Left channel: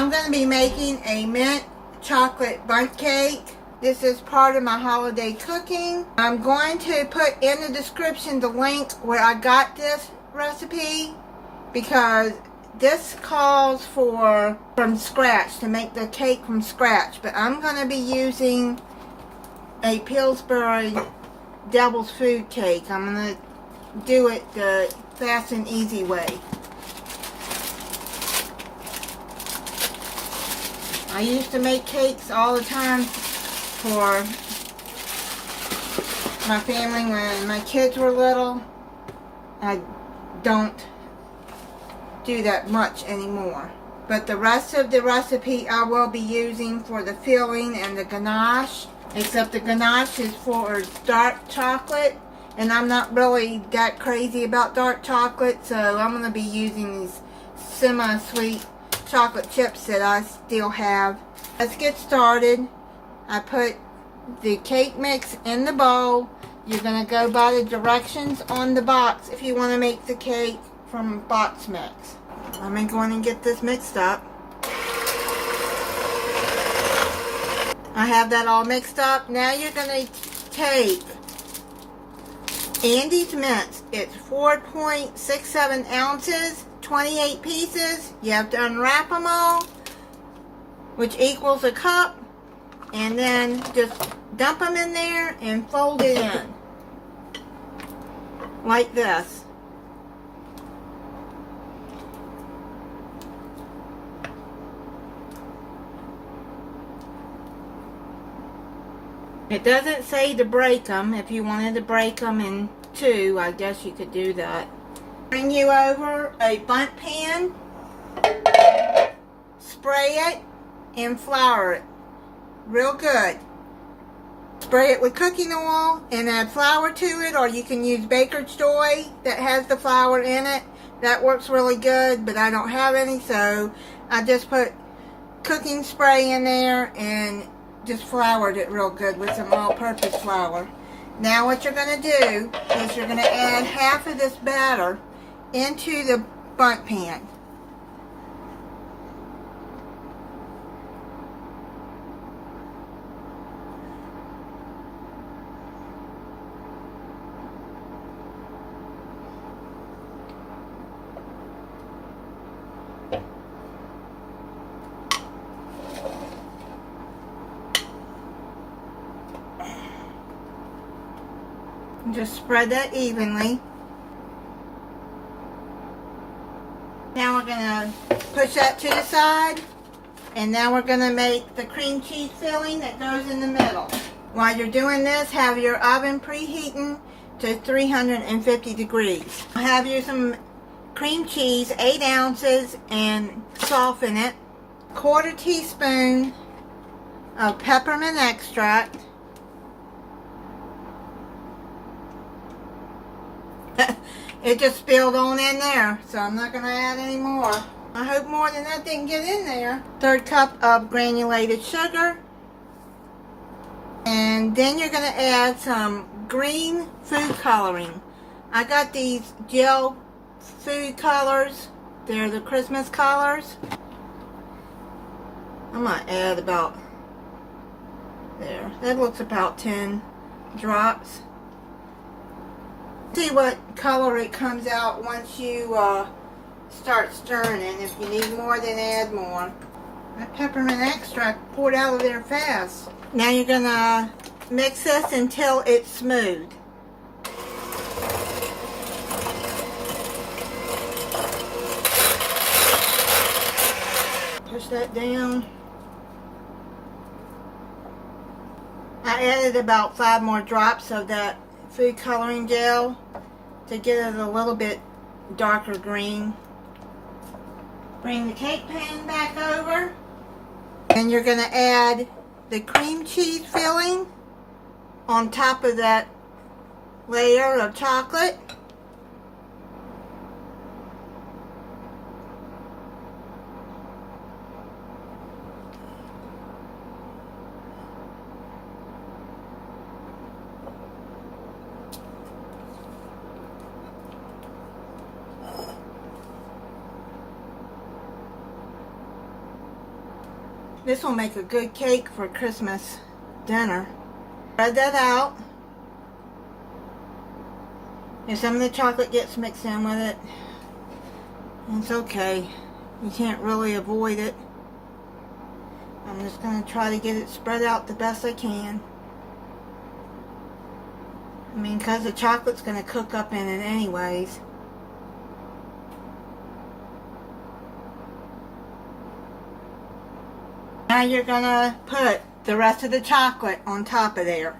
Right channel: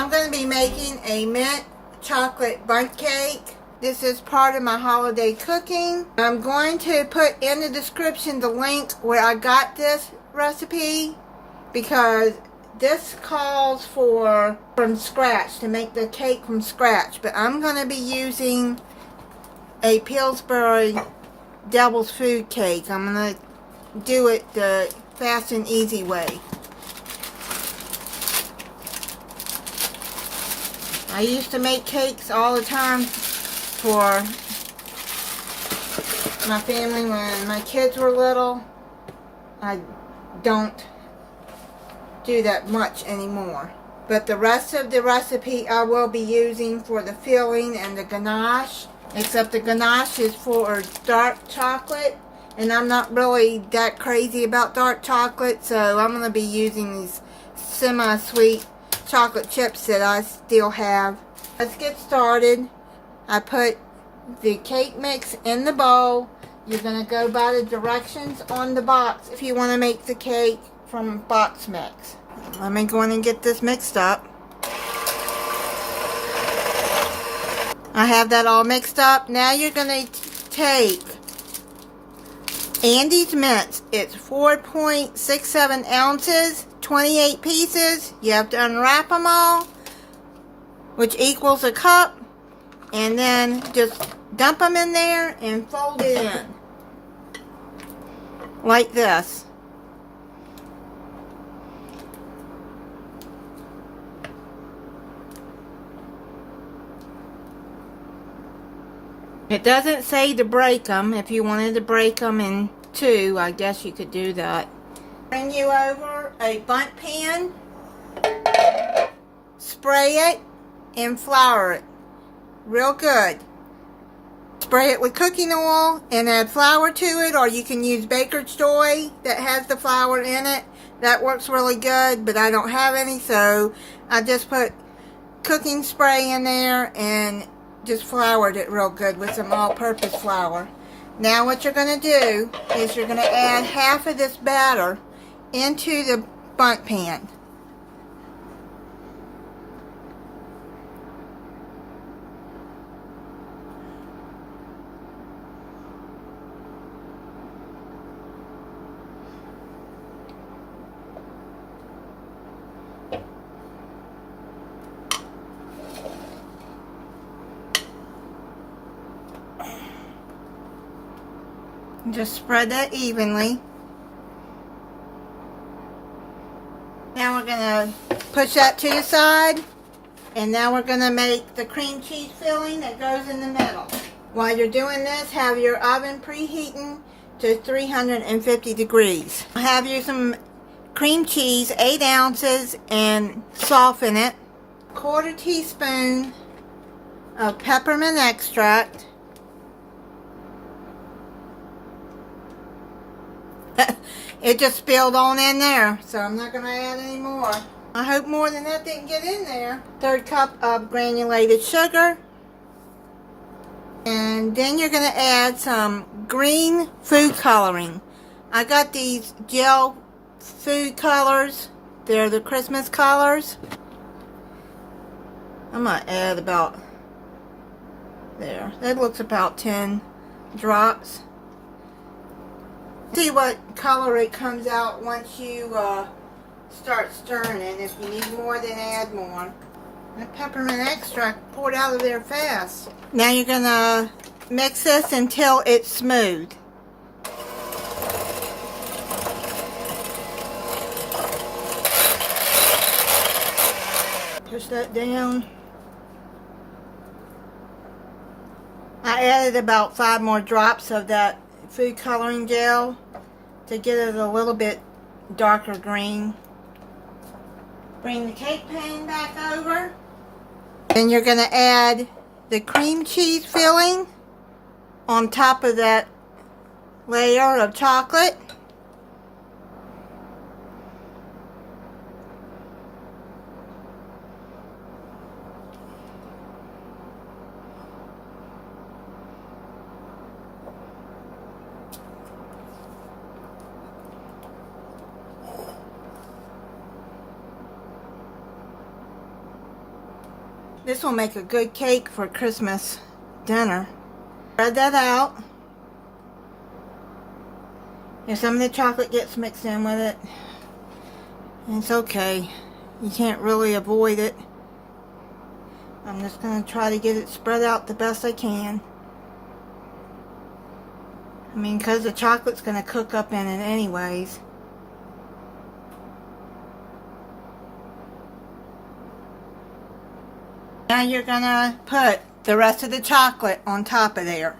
I'm going to be making a mint chocolate bundt cake. This is part of my holiday cooking. I'm going to put in the description the link where I got this recipe, because this calls for from scratch, to make the cake from scratch. But I'm going to be using a Pillsbury Devil's Food cake. I'm going to do it the fast and easy way. I used to make cakes all the time for my family when my kids were little. I don't do that much anymore. But the rest of the recipe I will be using for the filling and the ganache. Except the ganache is for dark chocolate, and I'm not really that crazy about dark chocolate, so I'm going to be using these semi-sweet chocolate chips that I still have. Let's get started. I put the cake mix in the bowl. You're going to go by the directions on the box if you want to make the cake from box mix. Let me go in and get this mixed up. I have that all mixed up. Now you're going to take Andy's mints. It's 4.67 ounces, 28 pieces. You have to unwrap them all, which equals a cup. And then just dump them in there and fold it in. Like this. It doesn't say to break them. If you wanted to break them in two, I guess you could do that. Bring you over a Bundt pan, spray it, and flour it real good. Spray it with cooking oil and add flour to it, or you can use baker's dough that has the flour in it. That works really good, but I don't have any, so I just put cooking spray in there and just floured it real good with some all-purpose flour. Now what you're going to do is you're going to add half of this batter into the Bundt pan. Just spread that evenly. Now we're going to push that to the side. And now we're going to make the cream cheese filling that goes in the middle. While you're doing this, have your oven preheating to 350 degrees. Have you some cream cheese, 8 ounces, and soften it. 1/4 teaspoon of peppermint extract. It just spilled on in there, so I'm not going to add any more. I hope more than that didn't get in there. 1/3 cup of granulated sugar. And then you're going to add some green food coloring. I got these gel food colors. They're the Christmas colors. I'm going to add about there. That looks about 10 drops. See what color it comes out once you start stirring it. If you need more, then add more. That peppermint extract poured out of there fast. Now you're going to mix this until it's smooth. Push that down. I added about 5 more drops of that food coloring gel to get it a little bit darker green. Bring the cake pan back over. And you're going to add the cream cheese filling on top of that layer of chocolate. This will make a good cake for Christmas dinner. Spread that out. If some of the chocolate gets mixed in with it, it's okay. You can't really avoid it. I'm just going to try to get it spread out the best I can. I mean, because the chocolate's going to cook up in it anyways. Now you're going to put the rest of the chocolate on top of there.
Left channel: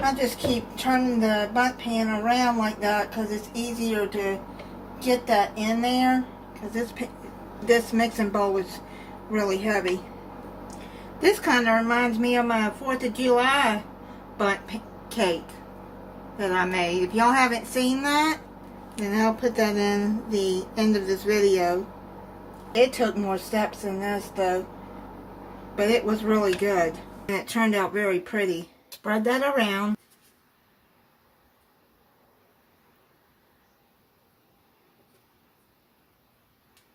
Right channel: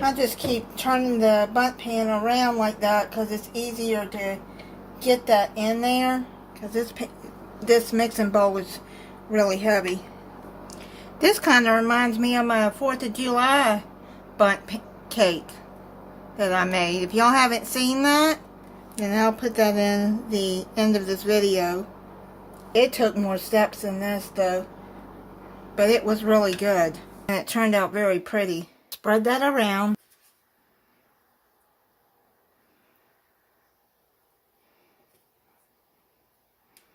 I'll just keep turning the Bundt pan around like that because it's easier to get that in there, because this mixing bowl is really heavy. This kind of reminds me of my 4th of July Bundt cake that I made. If y'all haven't seen that, then I'll put that in the end of this video. It took more steps than this though, but it was really good and it turned out very pretty. Spread that around.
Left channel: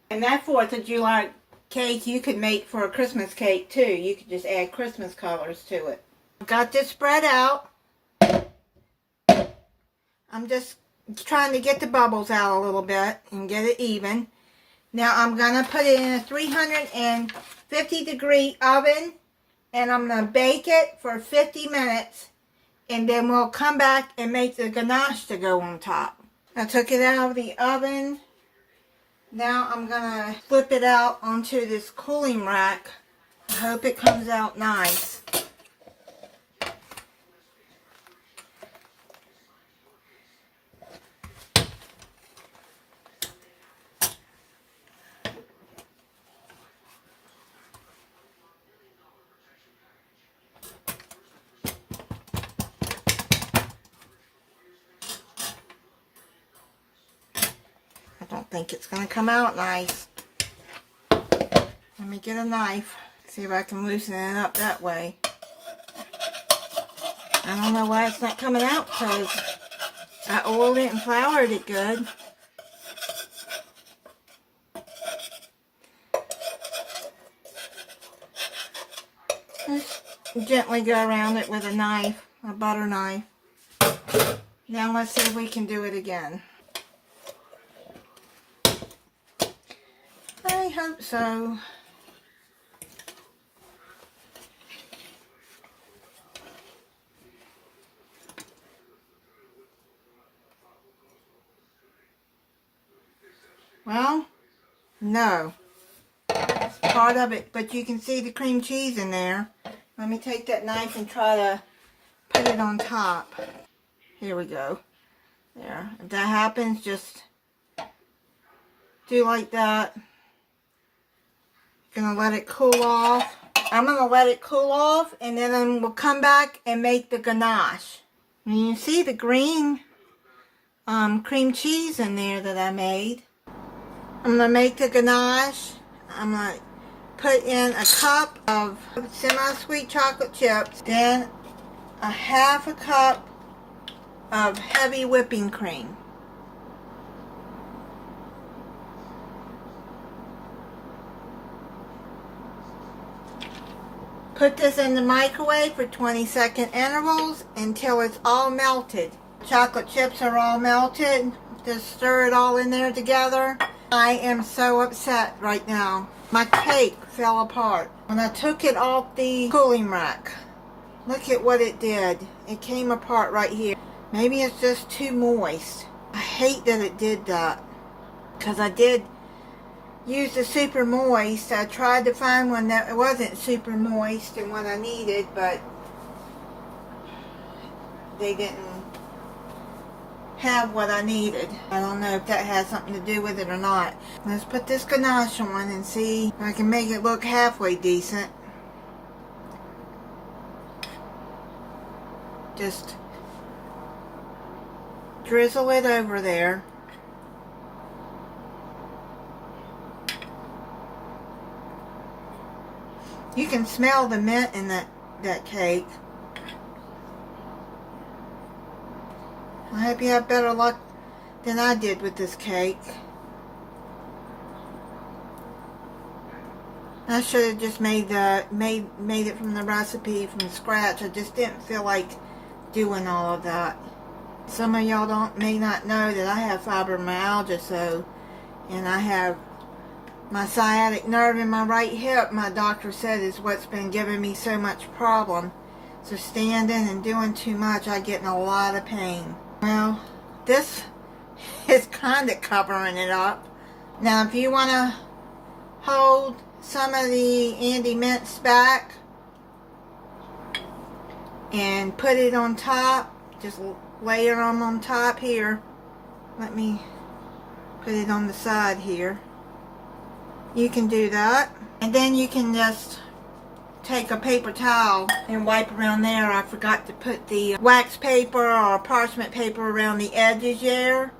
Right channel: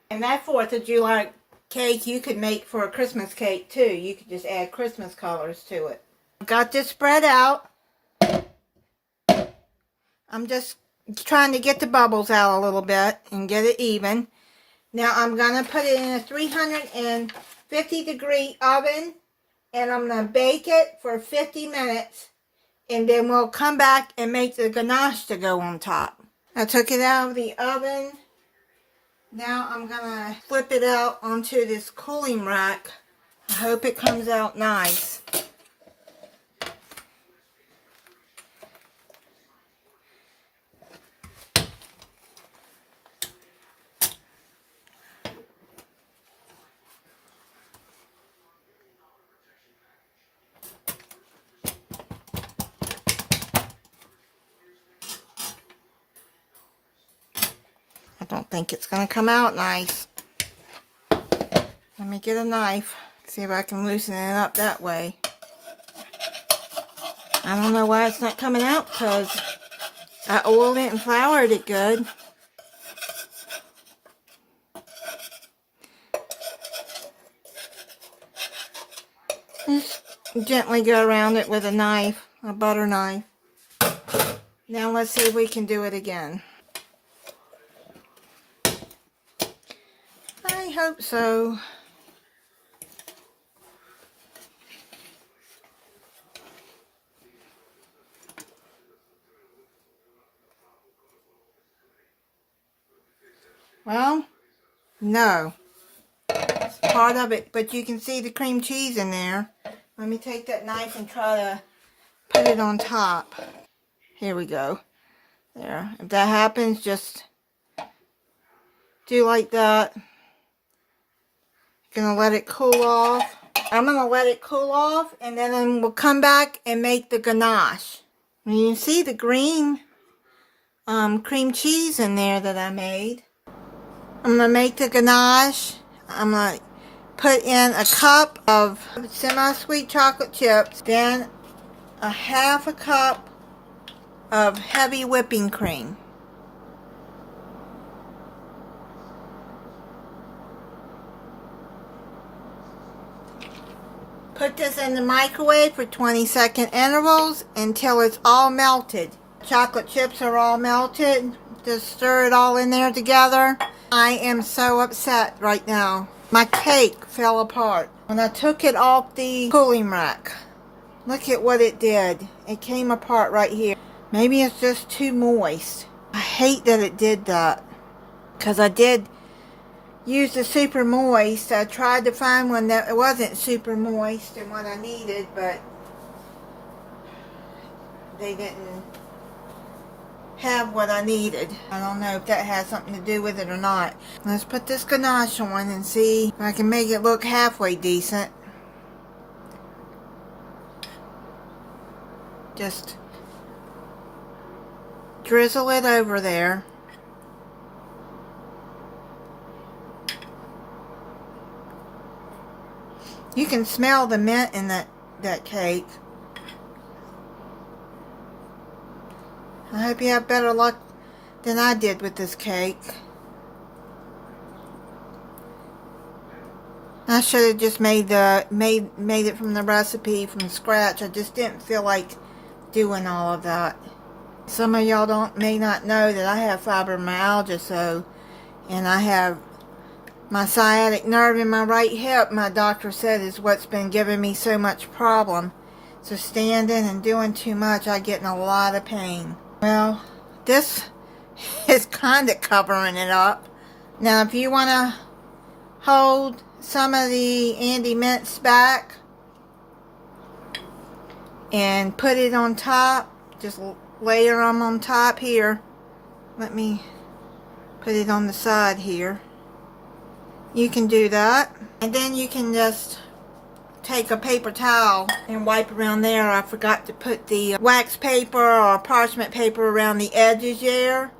And that 4th of July cake you could make for a Christmas cake too. You could just add Christmas colors to it. Got this spread out. I'm just trying to get the bubbles out a little bit and get it even. Now I'm going to put it in a 350 degree oven and I'm going to bake it for 50 minutes and then we'll come back and make the ganache to go on top. I took it out of the oven. Now I'm going to flip it out onto this cooling rack. I hope it comes out nice. I don't think it's going to come out nice. Let me get a knife, see if I can loosen it up that way. I don't know why it's not coming out because I oiled it and floured it good. Just gently go around it with a knife, a butter knife. Now let's see if we can do it again. I hope so. Well, no. It's part of it, but you can see the cream cheese in there. Let me take that knife and try to put it on top. Here we go. There. If that happens, just do like that. Gonna let it cool off. I'm gonna let it cool off and then we'll come back and make the ganache. And you see the green cream cheese in there that I made. I'm gonna make the ganache. I'm gonna put in a cup of semi-sweet chocolate chips, then a half a cup of heavy whipping cream. Put this in the microwave for 20-second intervals until it's all melted. Chocolate chips are all melted. Just stir it all in there together. I am so upset right now. My cake fell apart when I took it off the cooling rack. Look at what it did. It came apart right here. Maybe it's just too moist. I hate that it did that, because I did use the super moist. I tried to find one that wasn't super moist and what I needed, but they didn't have what I needed. I don't know if that has something to do with it or not. Let's put this ganache on and see if I can make it look halfway decent. Just drizzle it over there. You can smell the mint in that cake. I hope you have better luck than I did with this cake. I should have just made it from the recipe from scratch. I just didn't feel like doing all of that. Some of y'all may not know that I have fibromyalgia, and I have my sciatic nerve in my right hip. My doctor said is what's been giving me so much problem. So standing and doing too much, I get in a lot of pain. Well, this is kind of covering it up. Now, if you want to hold some of the Andy mints back and put it on top, just layer them on top here. Let me put it on the side here. You can do that, and then you can just take a paper towel and wipe around there. I forgot to put the wax paper or parchment paper around the edges there,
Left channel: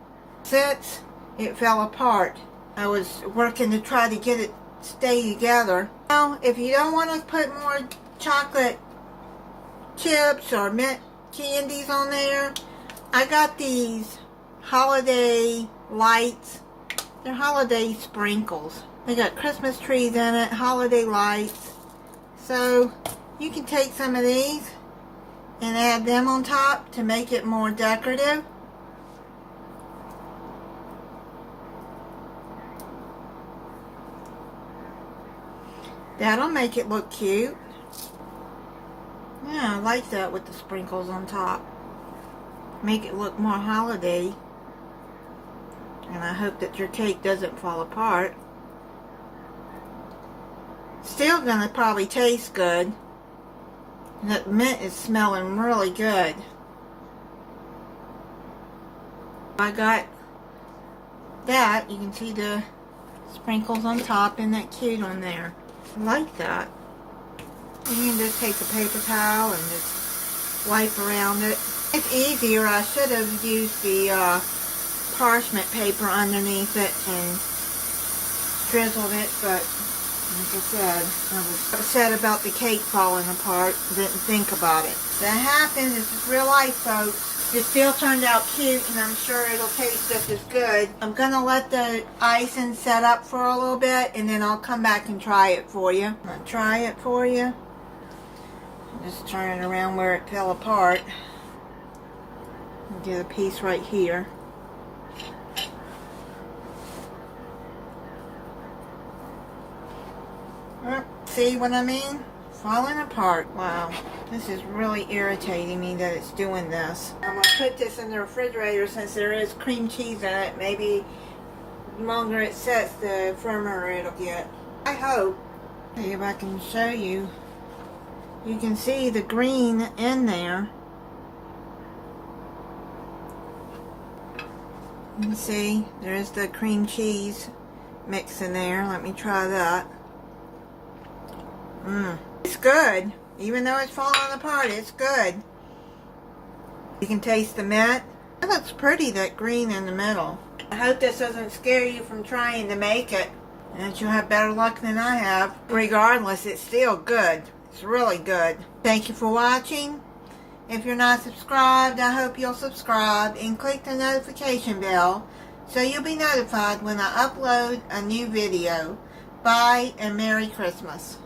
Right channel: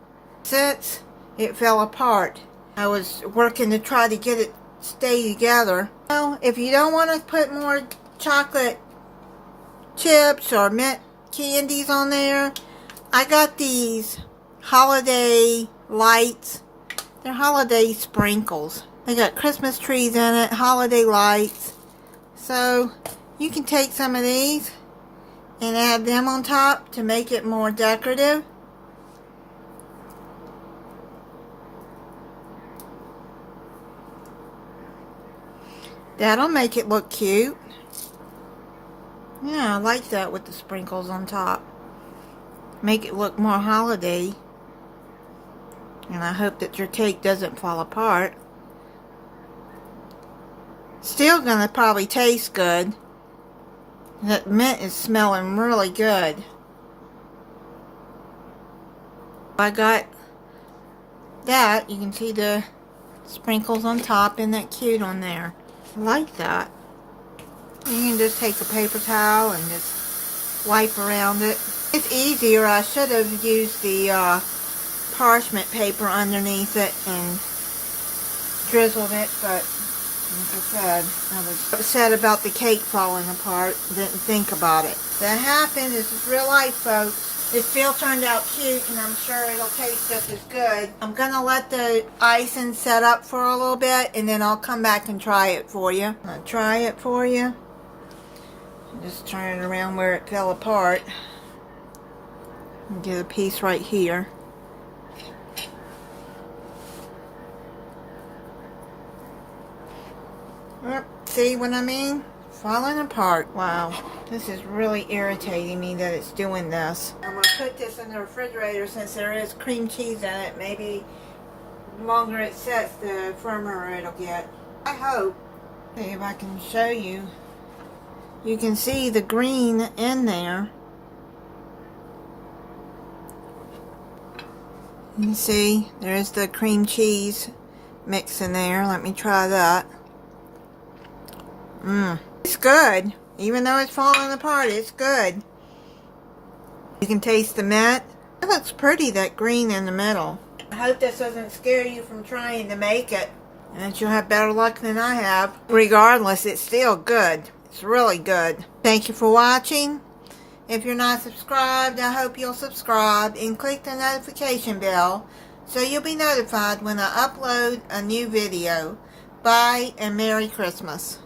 since it fell apart. I was working to try to get it stay together. Well, if you don't want to put more chocolate chips or mint candies on there, I got these holiday lights. They're holiday sprinkles. They got Christmas trees in it, holiday lights. So you can take some of these and add them on top to make it more decorative. That'll make it look cute. Yeah, I like that with the sprinkles on top. Make it look more holiday. And I hope that your cake doesn't fall apart. Still gonna probably taste good. That mint is smelling really good. I got that. You can see the sprinkles on top. Isn't that cute on there? I like that. You can just take a paper towel and just wipe around it. It's easier. I should have used the parchment paper underneath it and drizzled it, but like I said, I was upset about the cake falling apart. Didn't think about it. That happened. This is real life, folks. It still turned out cute, and I'm sure it'll taste just as good. I'm going to let the icing set up for a little bit, and then I'll come back and try it for you. I'm going to try it for you. Just turn it around where it fell apart. And get a piece right here. See what I mean? Falling apart. Wow. This is really irritating me that it's doing this. I'm going to put this in the refrigerator since there is cream cheese in it. Maybe the longer it sits, the firmer it'll get. I hope. See if I can show you. You can see the green in there. You can see there's the cream cheese mix in there. Let me try that. It's good. Even though it's falling apart, it's good. You can taste the mint. It looks pretty, that green in the middle. I hope this doesn't scare you from trying to make it, and that you'll have better luck than I have. Regardless, it's still good. It's really good. Thank you for watching. If you're not subscribed, I hope you'll subscribe and click the notification bell so you'll be notified when I upload a new video. Bye and Merry Christmas.